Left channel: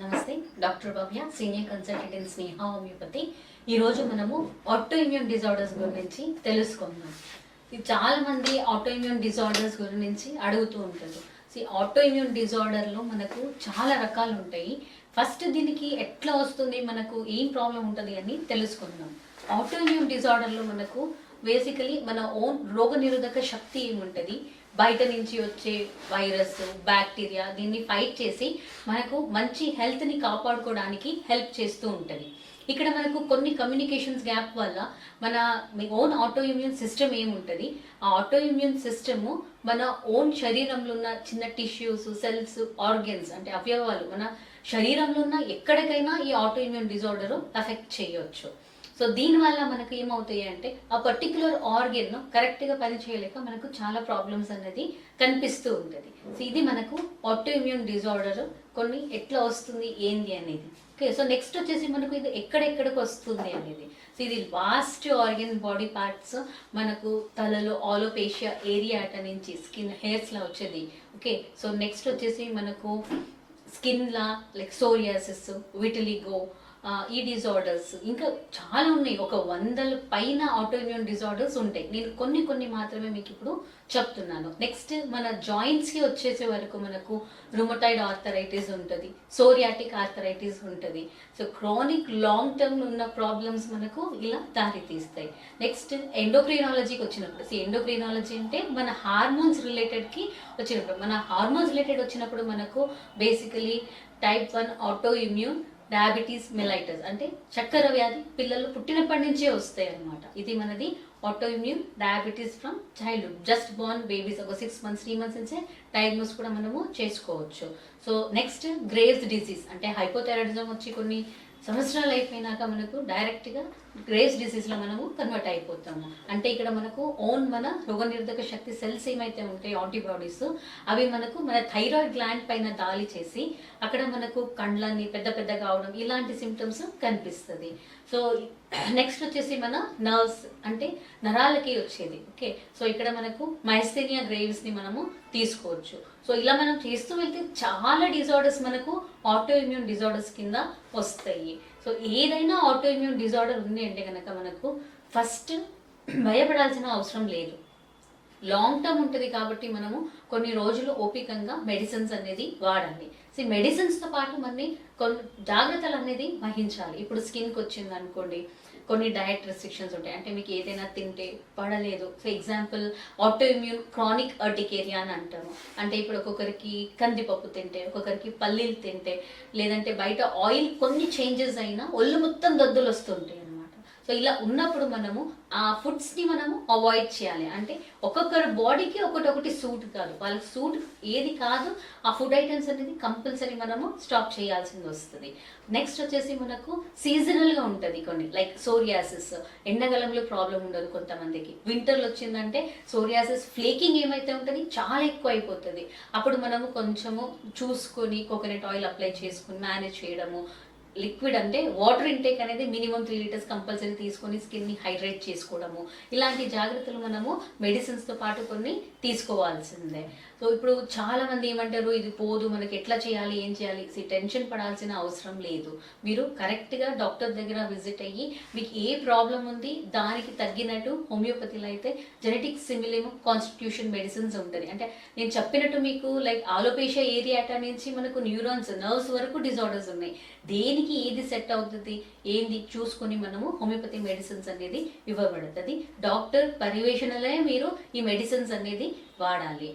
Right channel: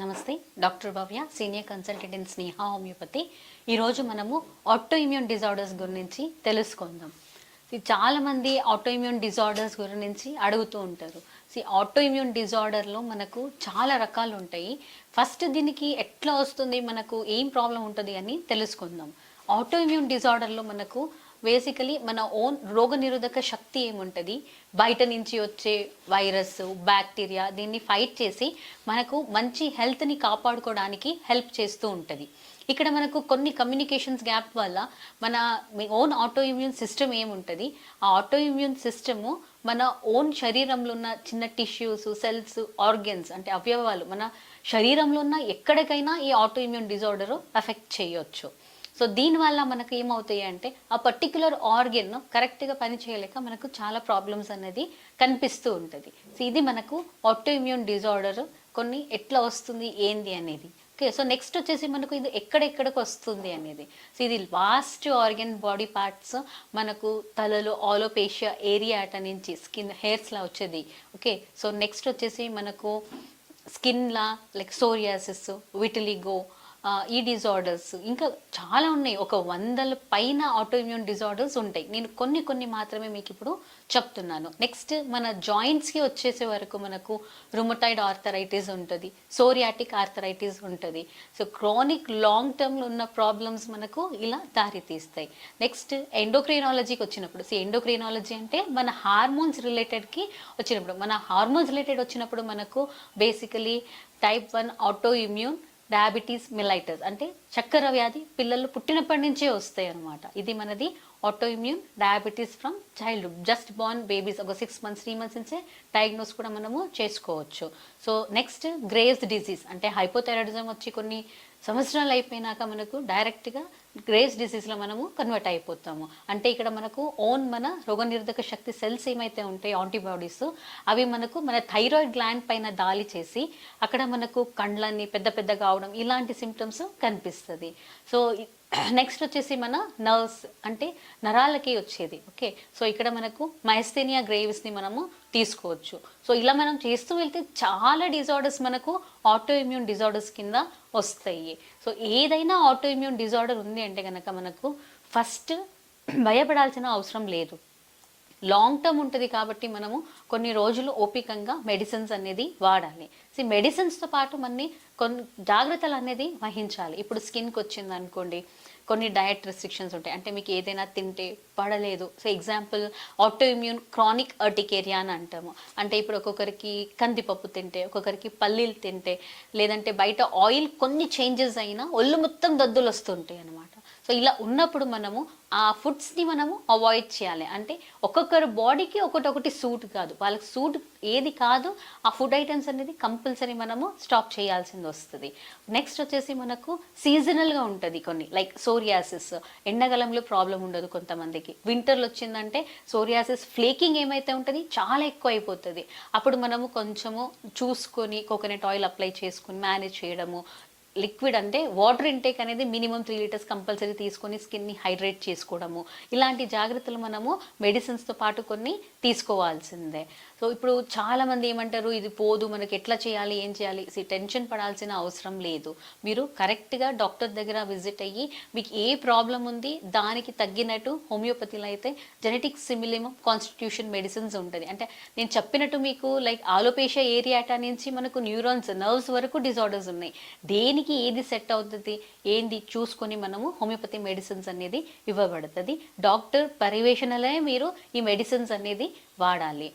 నమస్తే doctor Bhavya senior consultant in Sneha homeopathy ఈరోజు మనము ఆటో ఇమ్యూన్ డిజార్డర్స్ గురించి తెలుసుకుందాం. చాలామంది ఆటో ఇమ్యూన్ డిజార్డర్స్ గురించి అడుగుతూ ఉంటారు. ఆటో ఇమ్యూన్ డిజార్డర్లో మనకు చాలా రకాలు ఉంటాయి. ఫస్ట్ దీనికి ఎట్లా వస్తుంది మనకు ఏం ప్రాబ్లం ఉంటుంది అని తెలుసుకుందాం. ఆటో ఇమ్యూన్ డిజార్డర్లో మనకు బేసికలీ మన ఓన్ రోగనిరోధక శక్తి ఏముంటుంది? బయట నుంచి వచ్చే వైరస్ బ్యాక్టీరియా దీన్ని ఫైట్ చేసి మనకు మంచి హెల్త్ని కాపాడుకోవడానికి హెల్ప్ చేస్తూ ఉంటుంది. ఇక్కడ మనకు కొన్ని కమ్యూనికేషన్స్ గ్యాప్ వల్ల మన మీ ఓన్ ఆటో ఇమ్యూన్ సిస్టమ్ ఏముంటుంది? ఆ ఆటో ఇమ్యూన్ సిస్టము మన ఓన్ శరీరంలో ఉన్న చిన్న టిష్యూస్ సెల్స్ ఆర్గన్స్ అంటే అవయవాలు మన శరీరంలో ఉన్న ఎక్కడికైనా ఈ ఆటో ఇమ్యూన్ డిజార్డర్ ఎఫెక్ట్ చేయొచ్చు. సో దీనివల్ల మనకు ఏమవుతాయి అంటే ఆ పర్టికులర్ ఆర్గన్ కరెక్ట్గా పనిచేయలేక మనకు చాలా ప్రాబ్లమ్స్ అనేది కనిపిస్తూ ఉంటుంది. సో ఇది మనకు ఆటోఇమ్యూన్ డిజార్డర్ కొన్ని ఎట్లా వస్తుంది ఏంది అనేది. ఓకే సో నెక్స్ట్ వచ్చేసి మనకు ఇది ఎక్కడెక్కడికి వస్తుంది అనేది. సో ఇది లాస్ట్ ఆర్గన్ బాడీ పార్ట్స్ మనకు తలలో ఆలోపేషియా ఏరియా అట నుంచి స్కిన్ హెయిర్స్లా వచ్చేది. ఓకే సో నెక్స్ట్ వచ్చేసి మనకు స్కిన్లా లైక్ సోరియాసిస్ విటిలిగో ఈ డిజార్డర్స్ ఇంకా చాలా ఉన్నాయి. ఒక వందల పైన ఆటోఇమ్యూన్ డిజార్డర్స్ ఉంటాయి. నేను కొన్ని కొన్ని మాత్రమే మీకు ఇప్పుడు చెప్తున్నాను. నెక్స్ట్ మన జాయింట్స్కి వచ్చేసే వరకు మనకు రుమటైడ్ ఆర్థరైటిస్ ఉంటుంది. సోరియాటిక్ ఆర్థరైటిస్ ఉంటుంది. సో క్రానిక్ లాంగ్ టర్మ్లో ఉన్న ప్రాబ్లమ్స్ మనకు ఇలా దారితీస్తాయి. నెక్స్ట్ ఎండోక్రైనాలజీకి వచ్చినప్పుడు సో ఎండోక్రైనాలజీ అంటే మన హార్మోన్స్ రిలేటెడ్కి వచ్చినప్పుడు మన హార్మోన్స్ రిలేటెడ్ వచ్చినప్పుడు మనకు basically type one auto immune diabetes mellitus అంటే చక్కెర వ్యాధి పిల్లలు పుట్టినప్పటి నుంచే వస్తాయి అన్నమాట. ఇది మనది autoimmune diabetes from childhood just born babies ఒక సిక్స్ మంత్స్ త్రీ మంత్స్ నుంచే డయాగ్నోస్ కూడా మనము చేసుకోవచ్చు. సో నెక్స్ట్ గ్రేవ్స్ డిసీజ్ అంటే హైపోథైరాయిడిజం వచ్చి కొన్ని సంవత్సరాలు అయిపోయినాక మనకు డైరెక్ట్గా గ్రేస్ డిసీజ్లో మనము కన్వర్ట్ అయిపోతాము. అంటే ఇక్కడ మనకు ఓన్ మన రోగనిరోధక శక్తి సెల్స్ ఏమైతే ఉంటాయో యాంటీబాడీస్ అవి మనకు మన థైరాయిడ్ గ్లాండ్ పైన దాలి చేసి అక్కడ మనకు కండ్లన్నీ పెద్ద పెద్ద కావడం ఇలాంటి సిమ్టమ్స్ కనిపిస్తుంది. సో నెక్స్ట్ వచ్చేసి మన నర్వ్స్ అంటే నరాలకి వచ్చేది. ఓకే సో ఇక్కడ మనకు మైస్థేనియా గ్రేవ్స్ని మనము తీసుకోవచ్చు. సో ఇలా మనం చేస్తూ వెళ్తే చాలా డిజార్డర్స్ మనకు ఆటో ఇమ్యూన్ డిజార్డర్స్ కింద వస్తాయి. సో ఏదైనా ఆటో ఇమ్యూన్ డిజార్డర్ ఉంది అంటే కనుక మనకు ఫస్ట్ భయపడాల్సిన అవసరం లేదు. లాంగ్ టర్మ్ ఉంటుంది కాబట్టి మనము కొన్ని రోజులు ఓపికంగా మెడిసిన్స్ అనేది వాడాలి. సో మెడిసిన్స్తో పాటు మనని కొన్ని జాగ్రత్తలు అనేది వహించాలి. ఇప్పుడు స్కిన్కి వచ్చింది అనుకోండి కొన్ని డయట్ రెస్ట్రిక్షన్స్ ఉంటాయి. అంటే మీకు ఏదైనా తింటే పడలేదు. So example auto immune chronic urticaria అని అంటాము. అంటే ఇప్పుడు ఒక్కొక్కరికి కందిపప్పు తింటే ఒక్కొక్కరికి పల్లీలు తింటే లేదంటే బయట ఆయిల్ కొన్ని చేంజెస్ అయినా ఒళ్ళు మొత్తం దద్దులు వస్తుంటాయి సో ఇలా ఉన్నప్పుడు మనము ఆ ఫుడ్స్ని మనము అవాయిడ్ చేయాలి. అంటే ఒక్కొక్కరు బాడీకి ఒకటొకటి సూట్ కాదు. వాళ్ళకి సూట్ ఏది కాదు ఆ ఫుడ్ ఐటమ్స్ అనేది కంపల్సరీ మనము స్టాప్ చేయాల్సింది వస్తుంది. నెక్స్ట్ వచ్చేసి మనకు సీజనల్గా ఉంటుంది కొన్ని లైక్ సోరియాసిస్ ఎండాకాలంలో ప్రాబ్లం ఉండదు కొంతమందికి. వింటర్లో వచ్చిందంటే సోరియాసిస్ ఫ్లేకింగ్ ఏమైతే ఉంటుంది చాలా ఎక్కువ అయిపోతుంది అప్పుడు మనము కొంచెము చూసుకొని కోకోనట్ ఆయిల్ అప్లై చేసుకొని మేనేజ్ చేయడము లిక్విడ్ అంటే వాటర్ ఇంటేక్ అనేది మినిమం త్రీ లీటర్స్ కంపల్సరీ తీసుకొని స్కిన్ని హైడ్రేట్ చేసుకోవడము. ఇలాంటి జాగ్రత్తలు మనము మెడిసిన్స్తో పాటు కొన్ని తీసుకోవాల్సిందే. సో ఇప్పుడు చాలామంది ఏమంటారు ఇది పోదు మనకి ఎట్లా చేయాలి ఏం చేయాలి టెన్షన్ పడాల్సిన అవసరం లేదు. మీరు కరెక్ట్గా డాక్టర్ దగ్గర విజిట్ అయ్యి మీకు ఏ ప్రాబ్లం ఉంది దానికి తగ్గినట్టు హోమియోపతిలో అయితే జెనెటిక్ సిమిలిమ్ కాన్స్టిట్యూషన్ మెడిసిన్స్ ఉంటుంది. అంటే నేను చెప్పినట్టు మీకు లైక్ ఆలోపేషియా ఏరియాటా నుంచి మనకు న్యూరాన్స్ నర్వ్స్ వరకు డిజార్డర్స్ ఉన్నాయి. దీనికి ఏది సెట్ అవుతుంది? ఏంది? చూసుకొని మనము హోమియోపతి మెడిసిన్స్ అనేది ఇవ్వబడుతుంది. డాక్టర్ పర్యవేక్షణలే మీరు ఈ మెడిసిన్స్ అనేది వాడాలి.